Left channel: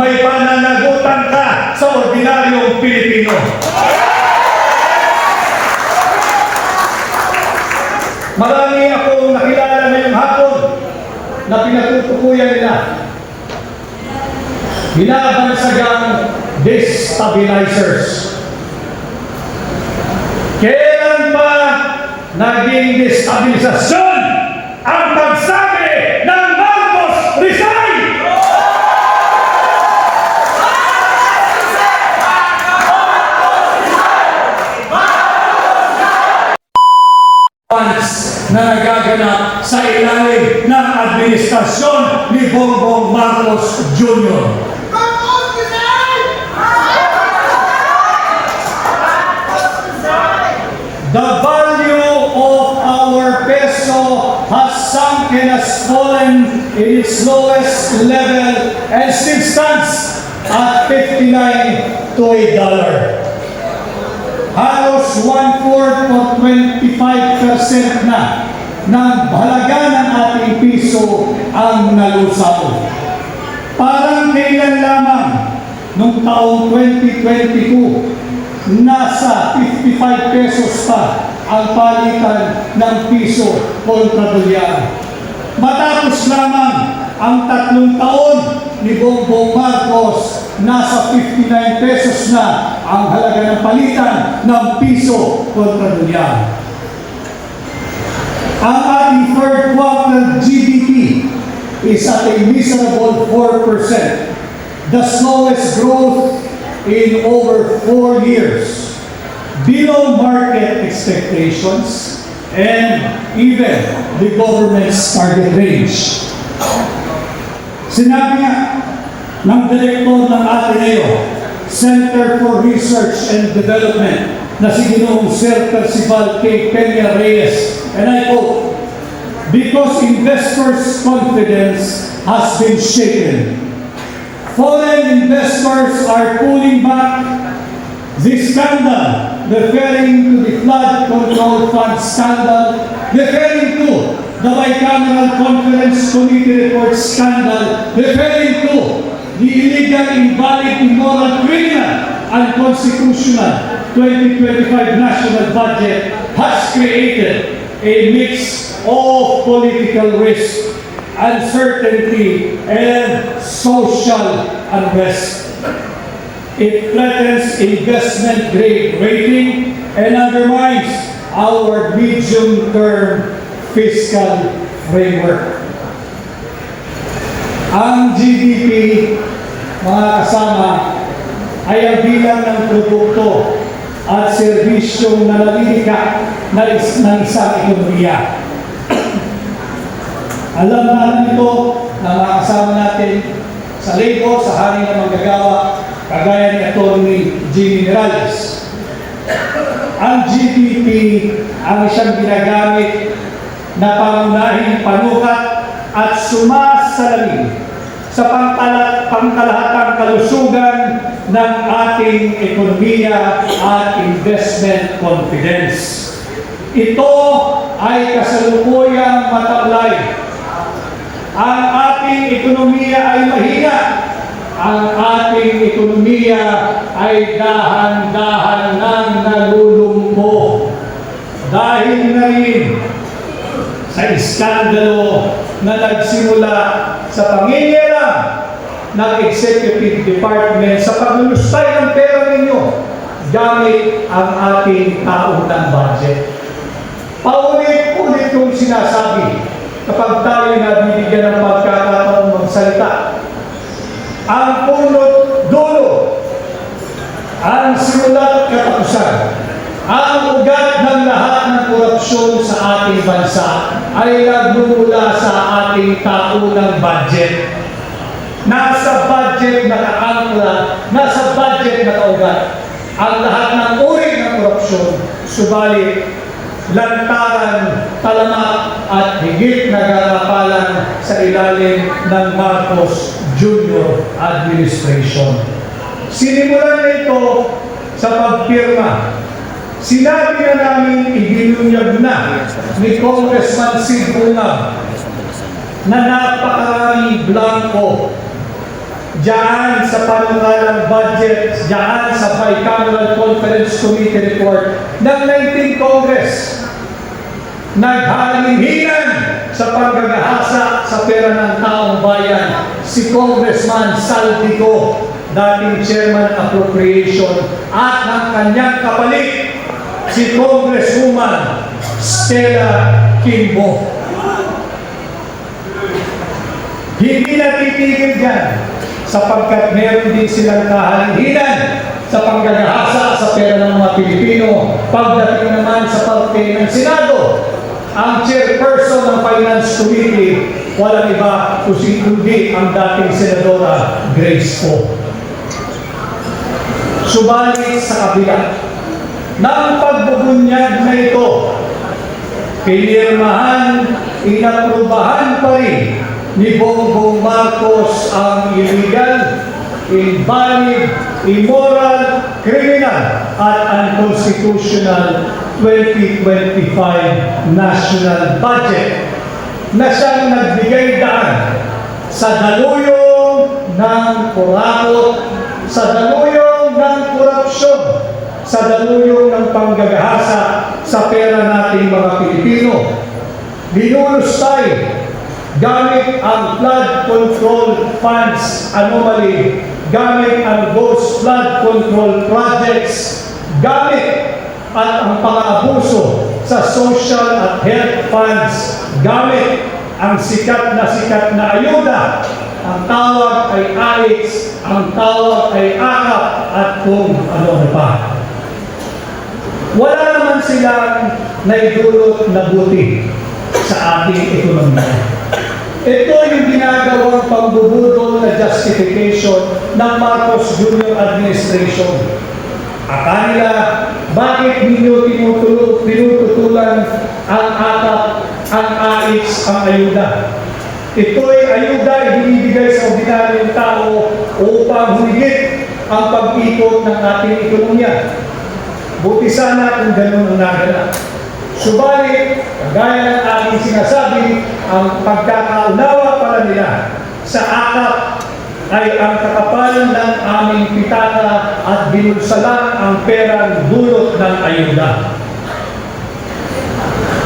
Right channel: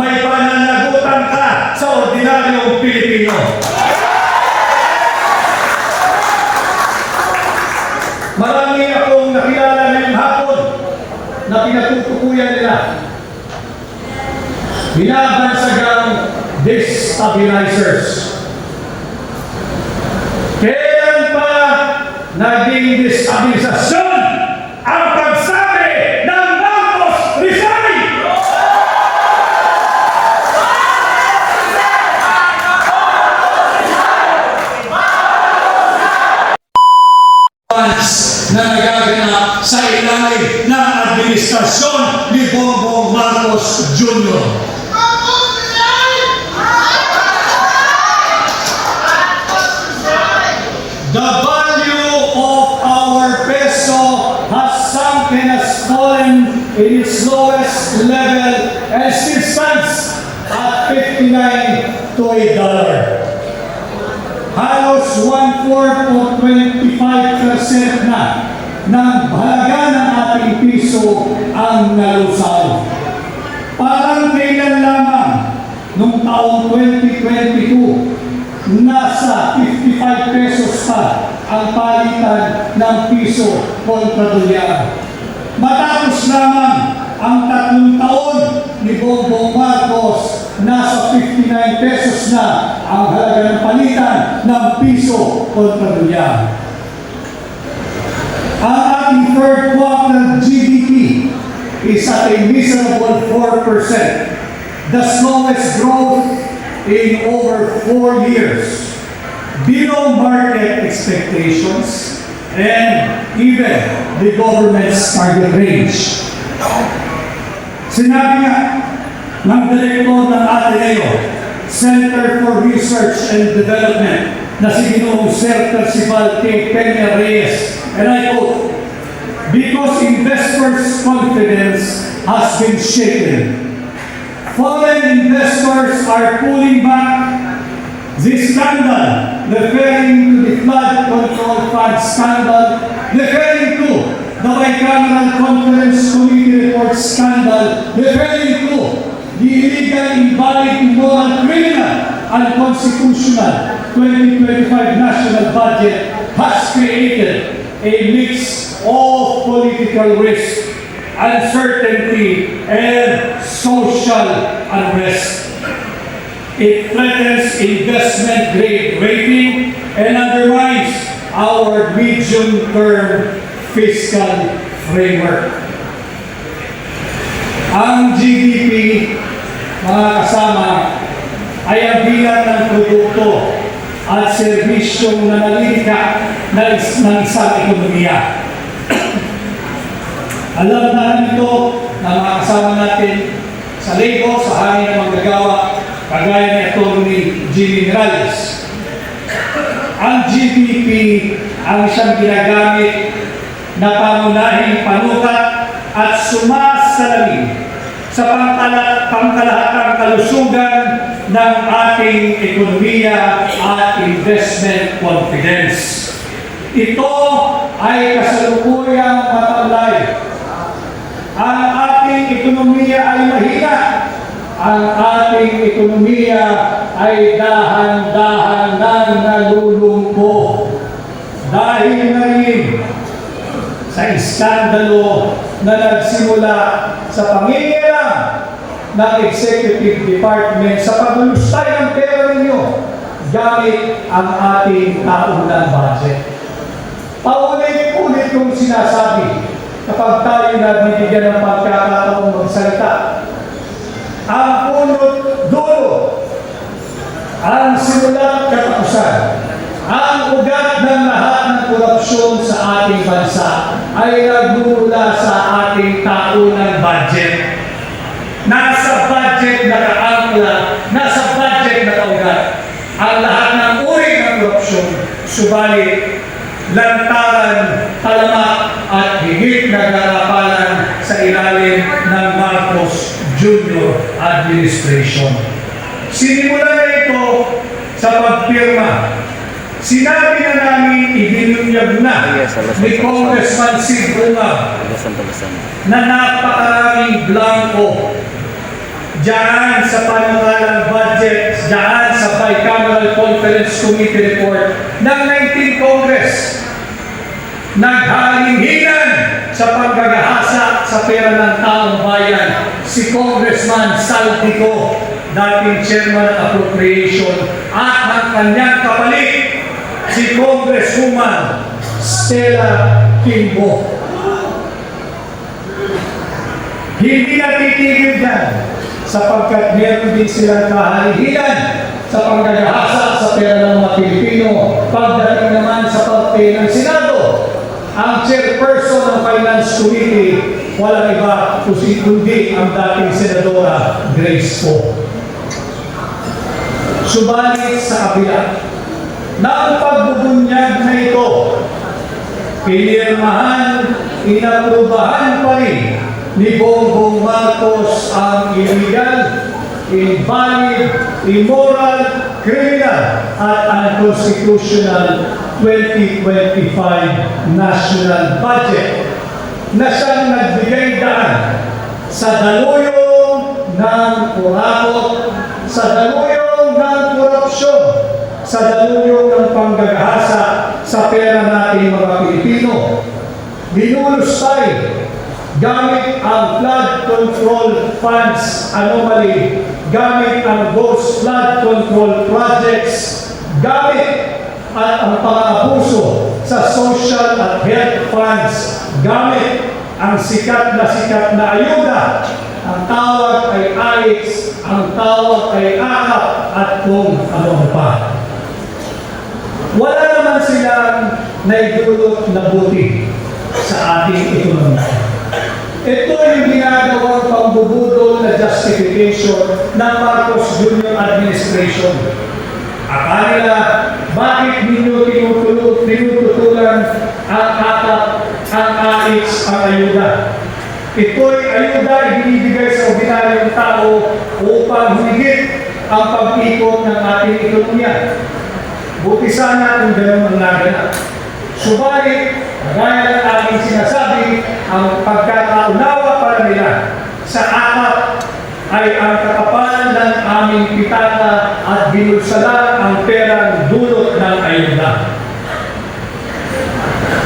may pananagutan ka sa ordinaryong Pilipino. Marami akong nakilala ngayong hapon na pinatutukuyan nila. Binabansagang destabilizers. Kailan pa naging destabilisasyon ang pagsabi ng Marcos resign? Na nagaganap sa ilalim ng administrasyon ni Bongbong Marcos Jr. The value of our peso has sunk and has fallen in its lowest level and still stands at 59 to $1. Halos 1/4 o 25% na ng halaga ng ating piso ang nalusaw. Parang kailan lamang nung taong 2022, nasa 55 pesos pa ang palitan ng piso kontra dolyar. Matapos lamang ang 3 taon ni Bongbong Marcos, nasa 59 pesos na ang halaga ng palitan ng piso kontra dolyar. Ang ating third quarter GDP is at a miserable 4%, the slowest growth in over 4 years, below market expectations and even the government's target range. Sinabi nga ng direktor ng Ateneo Center for Research and Development na si Ginoong Sir Percival K. Peña Reyes, and I quote, "Because investors' confidence has been shaken, foreign investors are pulling back the scandal," referring to the flood control fund scandal, referring to the bicameral conference committee report scandal, referring to the illegal, invalid, immoral, criminal, unconstitutional 2025 national budget has created a mix of political risk, uncertainty, and social unrest. It threatens investment grade rating and undermines our medium-term fiscal framework. Ang GDP, mga kasama, ay ang bilang ng produkto at serbisyong nanalilikha ng isang ekonomiya. Alam na alam ito ng mga kasama natin sa Lego, sa hangin ng manggagawa, kagaya ni Atty. Jimmy Miralles. Ang GDP ang isang ginagamit na pangunahing panukat at sumasalamin sa pangkalahatang kalusugan ng ating ekonomiya at investment confidence. Ito ay kasalukuyang mataklay. Ang ating ekonomiya ay mahina. Ang ating ekonomiya ay dahan-dahan nang nalulumpo. Dahil na rin sa iskandalo na nagsimula sa pangingialam ng Executive Department sa paglulustay ng pera ninyo gamit ang ating taunang budget. Paulit-ulit kong sinasabi kapag tayo nabibigyan ng pagkakataong magsalita. Ang punot dulo, ang simula at katapusan, ang ugat ng lahat ng korupsyon sa ating bansa ay nagmumula sa ating taunang budget. Nasa budget nakaangkla, nasa budget nakaugat ang lahat ng uri ng korupsyon, subalit lantaran, talamak at higit na garapalan sa ilalim ng Marcos Jr. administration. Sinimulan na ito sa pagpirma. Sinabi na namin, ibinunyag na ni Congressman Sid Bungab na napakaraming blanco diyan sa panukalang budget, diyan sa Bicameral Conference Committee report ng 19th Congress, naghalinginan sa paggagahasa sa pera ng taong bayan si Congressman Saldico, dating chairman ng appropriation, at ang kanyang kapalit, si Congresswoman Stella Kimbo. Hindi natitigil dyan sapagkat meron din silang kahalinginan sa panggagahasa sa pera ng mga Pilipino. Pagdating naman sa parte ng Senado, ang chairperson ng Finance Committee, walang iba kundi ang dating Senadora Grace Poe. Subalit sa kabila ng pagbubunyag na ito, pinirmahan, inaprubahan pa rin ni Bongbong Marcos ang illegal, invalid, immoral, criminal at unconstitutional 2025 national budget na siyang nagbigay daan sa daluyong ng kurakot, sa daluyong ng korupsyon, sa daluyong ng panggagahasa sa pera nating mga Pilipino. Dinulos tayo gamit ang flood control funds anomaly, gamit ang ghost flood control projects, gamit at ang pang-aabuso sa social at health funds, gamit ang sikat na ayuda. Ang tawag ay AIX, ang tawag ay AKAP, at kung ano pa. Wala naman silang naidulot na buti sa ating ekonomiya. Ito yung ginagawang pambubudol na justification ng Marcos Jr. administration. Akala nila, bakit ninyo tinututulan ang AKAP, ang AIX, ang ayuda? Ito'y ayuda ibinibigay sa ordinaryong tao upang humigit ang pag-ikot ng ating ekonomiya. Buti sana kung ganun ang naganap. Subalit, kagaya ng aking sinasabi, ang pagkakaunawa pala nila sa AKAP ay ang kakapal ng aming pitaka at binulsalan ang perang dulot ng ayuda.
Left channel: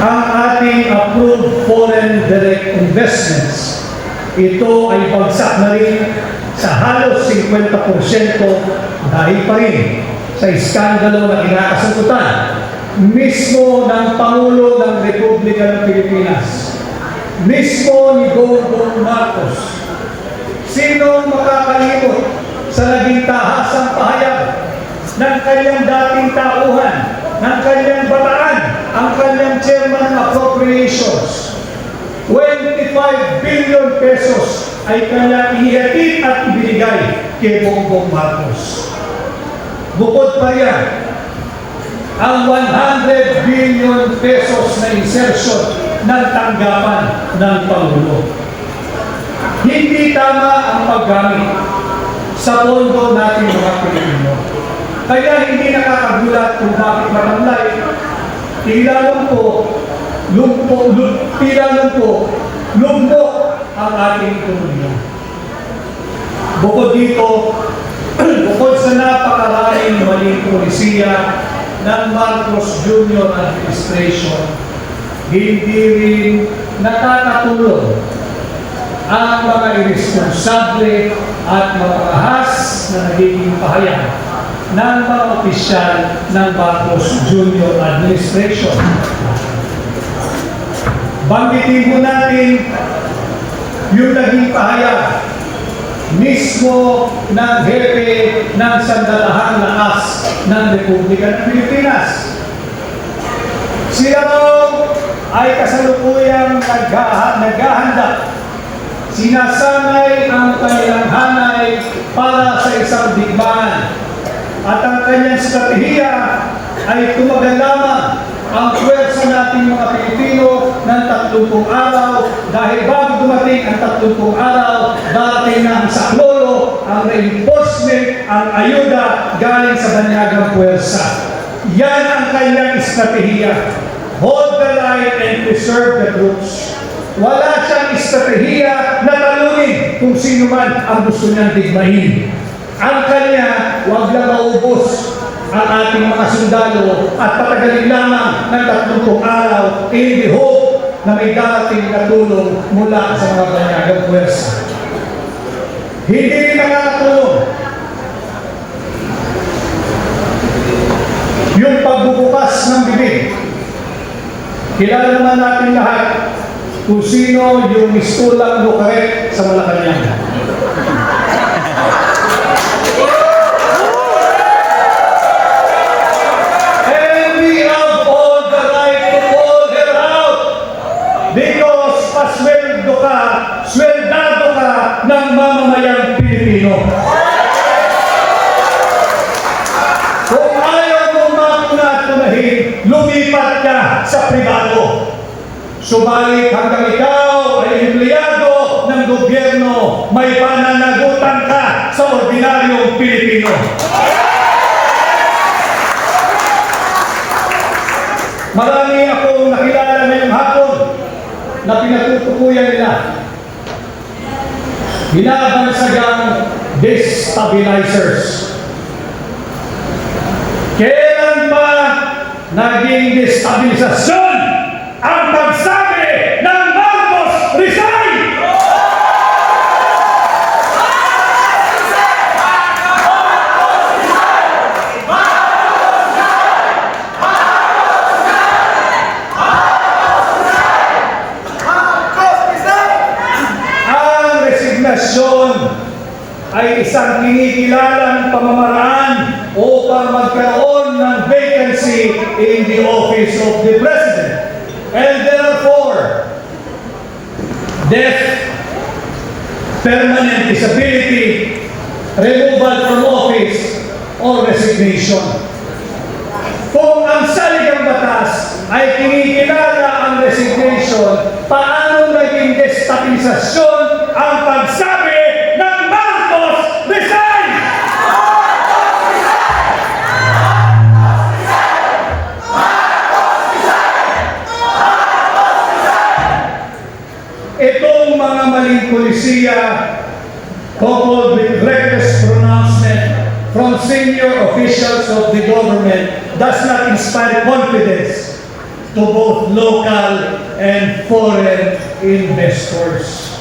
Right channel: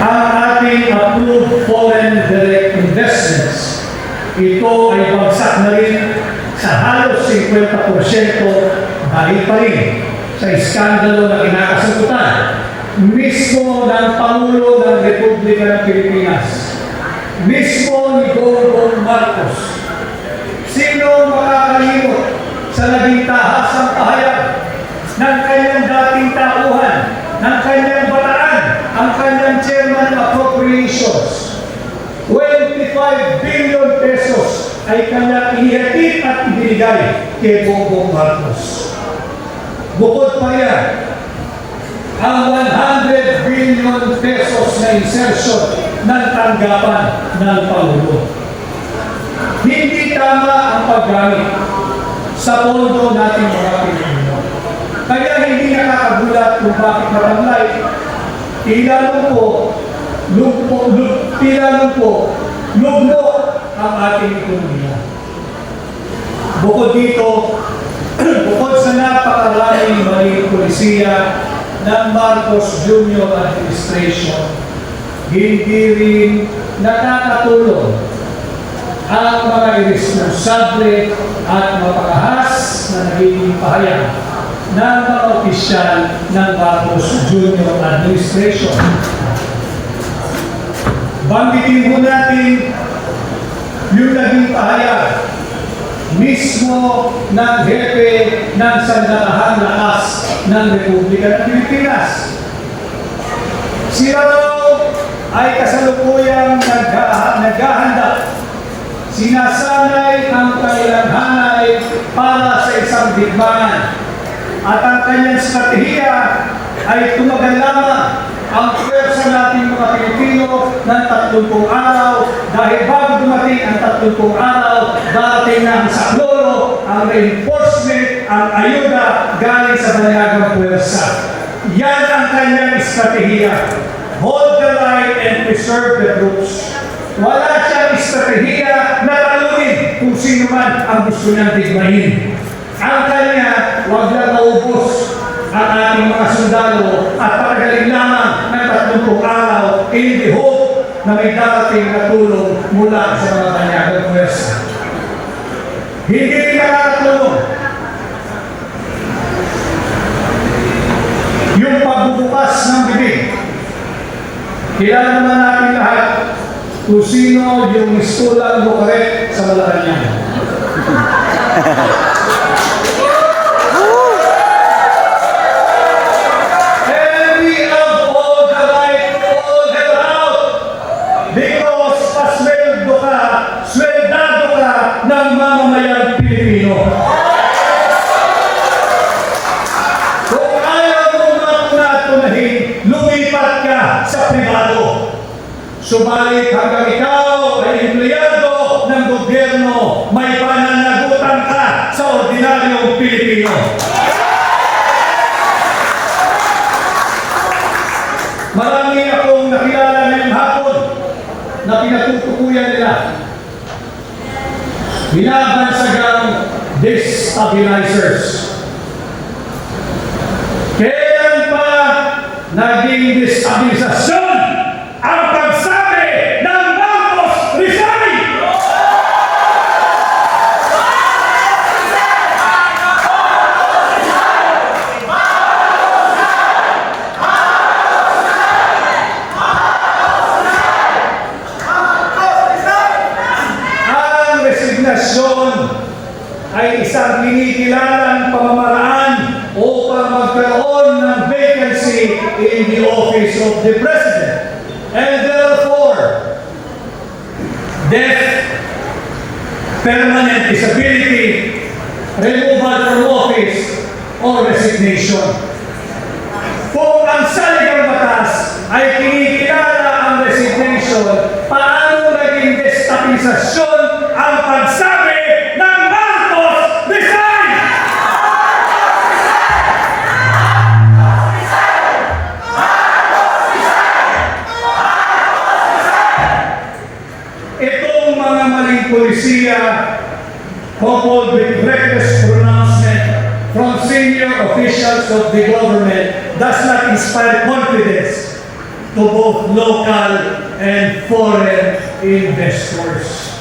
Ang ating approved foreign direct investments, ito ay bagsak na rin sa halos 50% dahil pa rin sa iskandalo na kinakasangkutan mismo ng Pangulo ng Republika ng Pilipinas, mismo ni Bongbong Marcos. Sino makakalimot sa naging tahasang pahayag ng kanyang dating tauhan, ng kanyang bataan, ang kanyang chairman ng appropriations? 25 billion pesos ay kanyang inihatid at ibinigay kay Bongbong Marcos. Bukod pa riyan, ang 100 billion pesos na insertion ng tanggapan ng Pangulo. Hindi tama ang paggamit sa pondo nating mga Pilipino. Kaya hindi nakakagulat kung bakit matamlay. Tilalong po, lugmok ang ating ekonomiya. Bukod dito, bukod sa napakaraming maling polisiya ng Marcos Jr. administration, hindi rin nakakatulong ang mga irresponsable at mapangahas na nagiging pahayag ng mga opisyal ng Marcos Jr. administration. Banggitin mo natin yung naging pahayag mismo ng hepe ng sandatahang lakas ng Republika ng Pilipinas. Sila raw ay kasalukuyang naghahanda, sinasanay ang kanilang hanay para sa isang digmaan, at ang kanyang strategiya ay tumagal lamang ang puwersa nating mga Pilipino ng 30 araw, dahil bago dumating ang 30 araw, darating na ang saklolo, ang reinforcement, ang ayuda galing sa banyagang puwersa. Yan ang kanyang estratehiya. Hold the line and preserve the troops. Wala siyang estratehiya na talunin kung sino sino man ang gusto niyang digmahin. Ang kanya, huwag lang maubos ang ating mga sundalo at patagalin lamang ng 30 araw in the hope na may darating na tulong mula sa mga banyagang puwersa. Hindi nakakatulong yung pagbubukas ng bibig. Kilala naman natin lahat kung sino yung mistulang lukaret sa Malacanang. And we have all the right to call her out because sweldado ka ng mamamayang Pilipino. Kung ayaw mong matunat-tunahin, lumipat ka sa pribado. Subalit hanggang ikaw ay empleyado ng gobyerno, may pananagutan ka sa ordinaryong Pilipino. Marami akong nakilala ngayong hapon na pinatutukuyan nila. Binabansagang destabilizers. Kailan pa naging destabilisasyon ang pagsabi ng Marcos resign? Ang resignasyon ay isang kinikilalang pamamaraan upang magkaroon ng vacancy in the office of the President. And therefore, death, permanent disability, removal from office, or resignation. Kung ang saligang batas ay kinikilala ang resignation, paano naging destabilisasyon ang pagsabi ng Marcos resign? Itong mga maling polisiya, coupled with reckless pronouncement from senior officials of the government, does not inspire confidence to both local and foreign investors.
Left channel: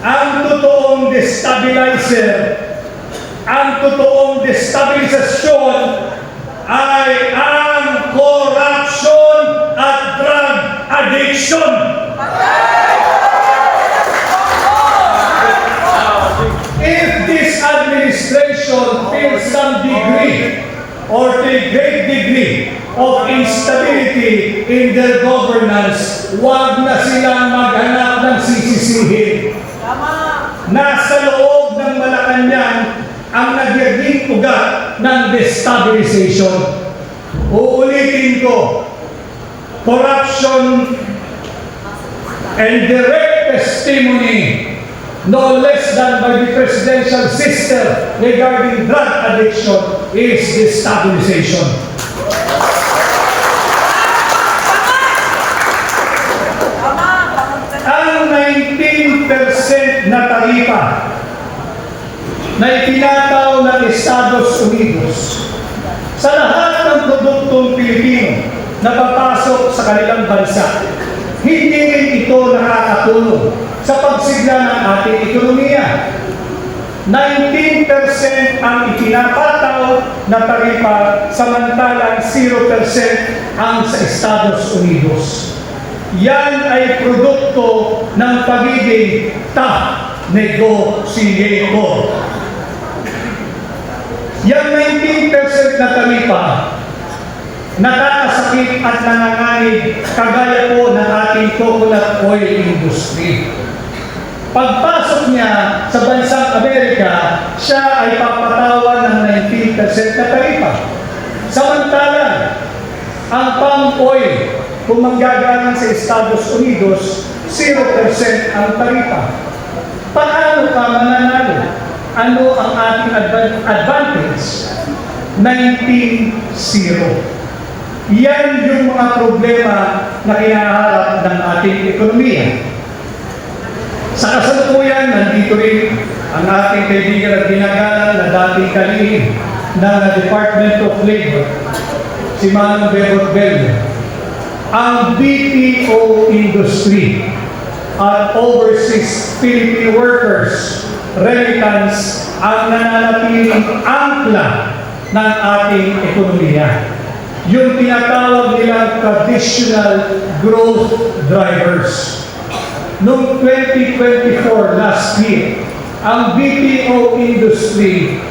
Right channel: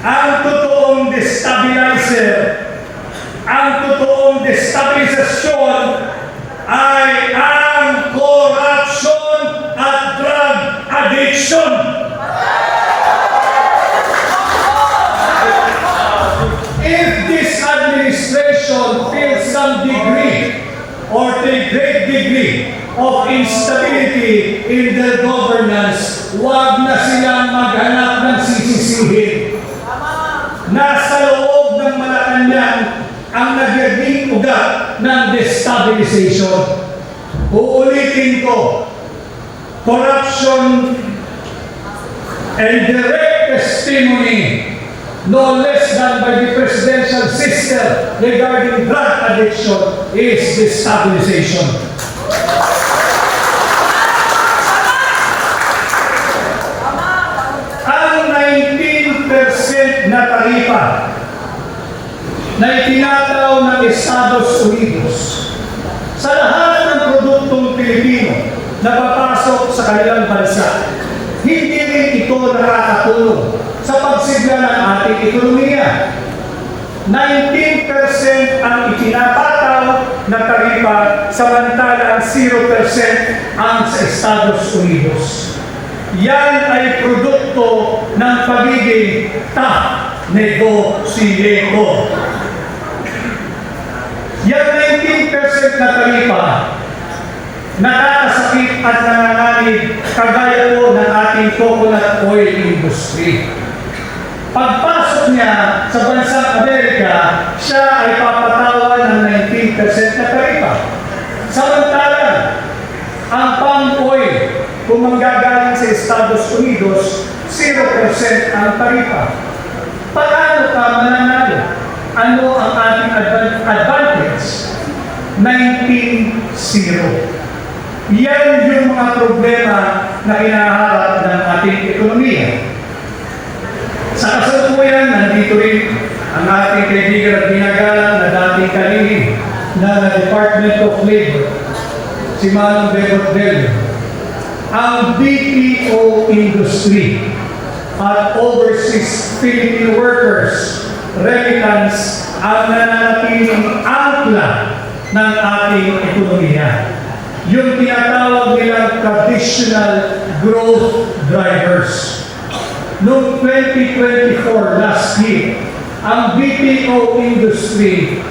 Ang totoong destabilisasyon ay ang corruption at drug addiction. If this administration feels some degree or a great degree of instability in their governance, huwag na silang maghanap ng sisisihin. Nasa loob ng Malacanang ang nagiging ugat ng destabilization. Uulitin ko, corruption and direct testimony no less than by the presidential sister regarding drug addiction is destabilization. Ang 19% na taripa na itinataw ng Estados Unidos sa lahat ng produktong Pilipino na papasok sa kanilang bansa, hindi rin ito nakakatulong sa pagsigla ng ating ekonomiya. 19% ang itinatataw na taripa, samantalang 0% ang sa Estados Unidos. Yan ay produkto ng pagiging tough negotiator. Yan 19% na taripa, nakakasakit at nanganganib kagaya po ng ating coconut oil industry. Pagpasok niya sa bansang Amerika, siya ay papatawan ng 19% na taripa. Samantalang, ang palm oil, kung manggagaling sa Estados Unidos, 0% ang taripa. Paano ka mananalo? Ano ang ating advantage? 19-0. Yan yung mga problema na kinaharap ng ating ekonomiya. Sa kasalukuyan, nandito rin ang ating kaibigan at ginagalang na dating kalihim ng Department of Labor, si Manong Bebot Bello, ang BPO industry at overseas Filipino workers remittance ang nananatiling angkla ng ating ekonomiya. Yung tinatawag nilang traditional growth drivers. Noong 2024 last year, ang BPO industry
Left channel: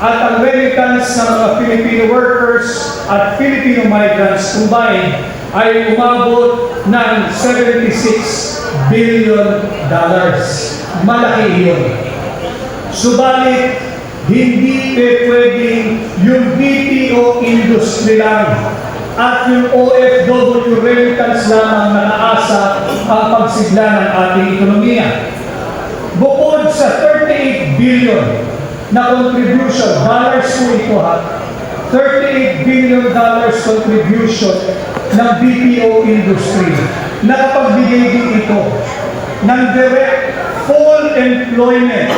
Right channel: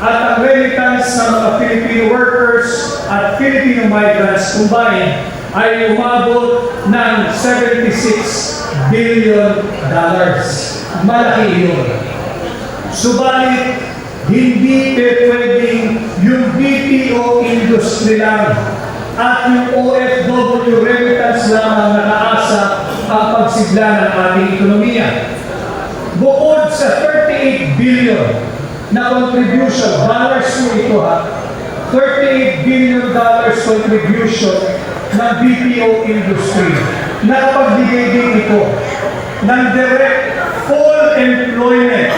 at ang remittance ng mga Filipino workers at Filipino migrants combined ay umabot ng $76 billion. Malaki yun. Subalit, hindi pwedeng yung BPO industry lang at yung OFW remittance lamang nakaasa ang pagsigla ng ating ekonomiya. Bukod sa 38 billion na contribution, dollars po ito $38 billion contribution ng BPO industry. Nakapagbigay din ito ng direct full employment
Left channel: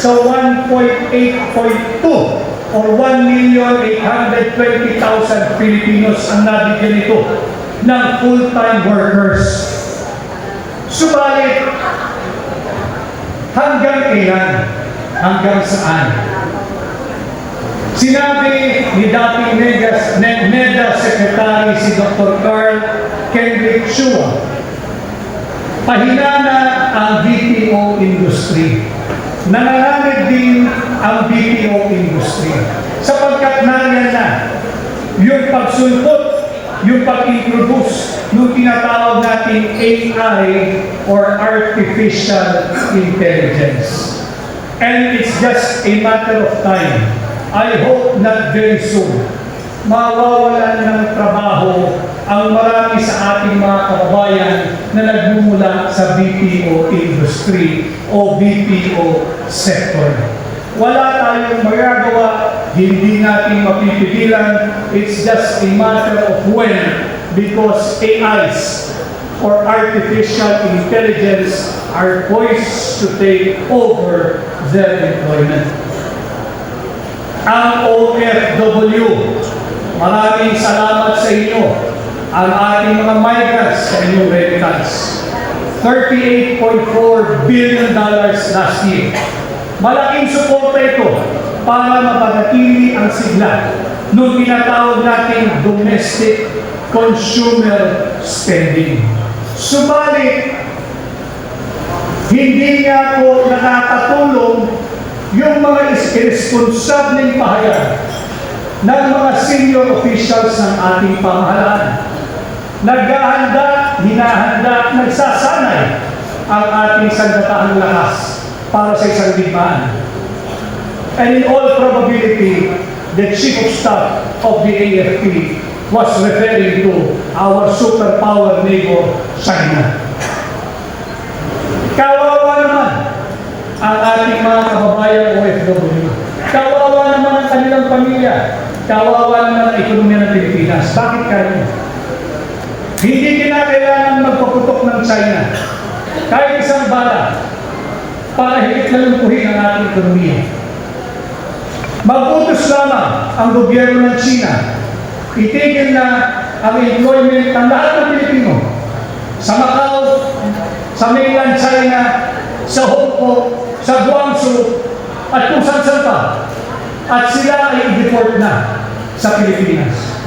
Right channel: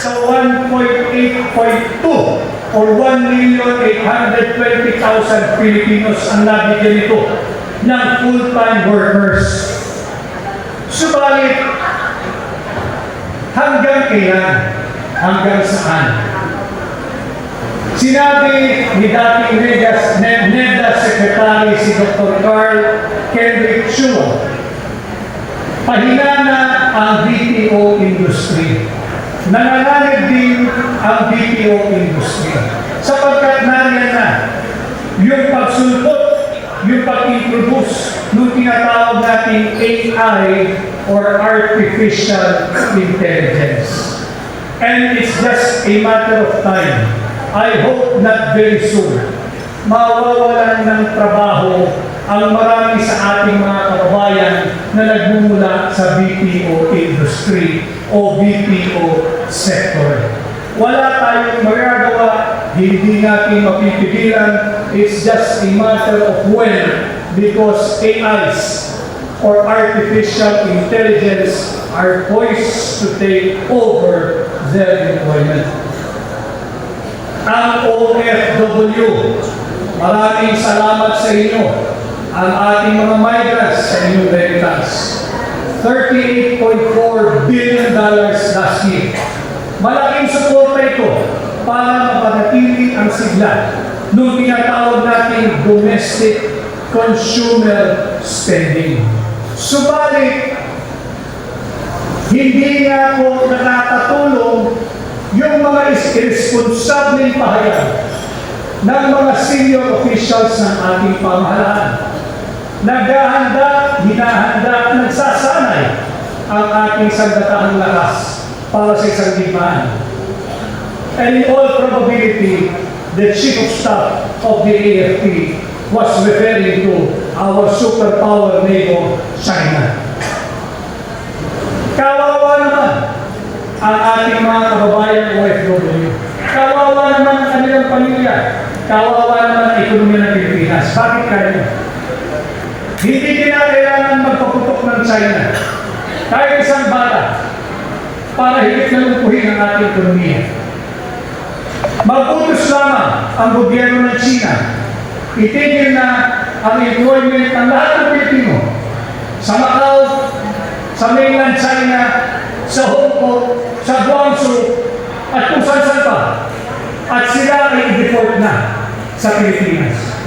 sa 1.8.2 or 1,820,000 Filipinos ang nabigyan ito ng full-time workers. Subalit, hanggang kailan? Hanggang saan? Sinabi ni dating NEDA Secretary si Dr. Carl Kendrick Chua, pahina na ang BPO industry. Nanganganig din ang BPO industry. Sapagkat nariyan na yung pagsulpot, yung pag-introduce nung tinatawag natin AI or Artificial Intelligence. And it's just a matter of time. I hope not very soon, mawawalan ng trabaho ang marami sa ating mga kababayan na nagmumula sa BPO industry o BPO sector. Wala tayong magagawa, hindi natin mapipigilan. It's just a matter of when, because AIs or artificial intelligence are poised to take over their employment. Ang OFW, maraming salamat sa inyo. Ang ating mga migrants sa inyong remittance. $38.4 billion last year. Malaking suporta ito para mapanatili ang sigla nung tinatawag natin domestic consumer spending. Subalit, hindi nga po nakakatulong yung mga irresponsableng pahayag ng mga senior officials ng ating pamahalaan. Naghahanda, hinahanda, nagsasanay ang ating sandatahang lakas para sa isang digmaan. And in all probability, the Chief of Staff of the AFP was referring to our superpower neighbor, China. Kawawa naman ang ating mga kababayan OFW. Kawawa naman ang kanilang pamilya. Kawawa naman ang ekonomiya ng Pilipinas. Bakit kaya? Hindi kinakailangan magpaputok ng China. Kahit isang bala para higit na lumpuhin ang ating ekonomiya. Mag-utos lamang ang gobyerno ng China. Itigil na ang employment ng lahat ng Pilipino sa Macau, sa mainland China, sa Hong Kong, sa Guangzhou, at kung saan-saan pa. At sila ay i-deport na sa Pilipinas.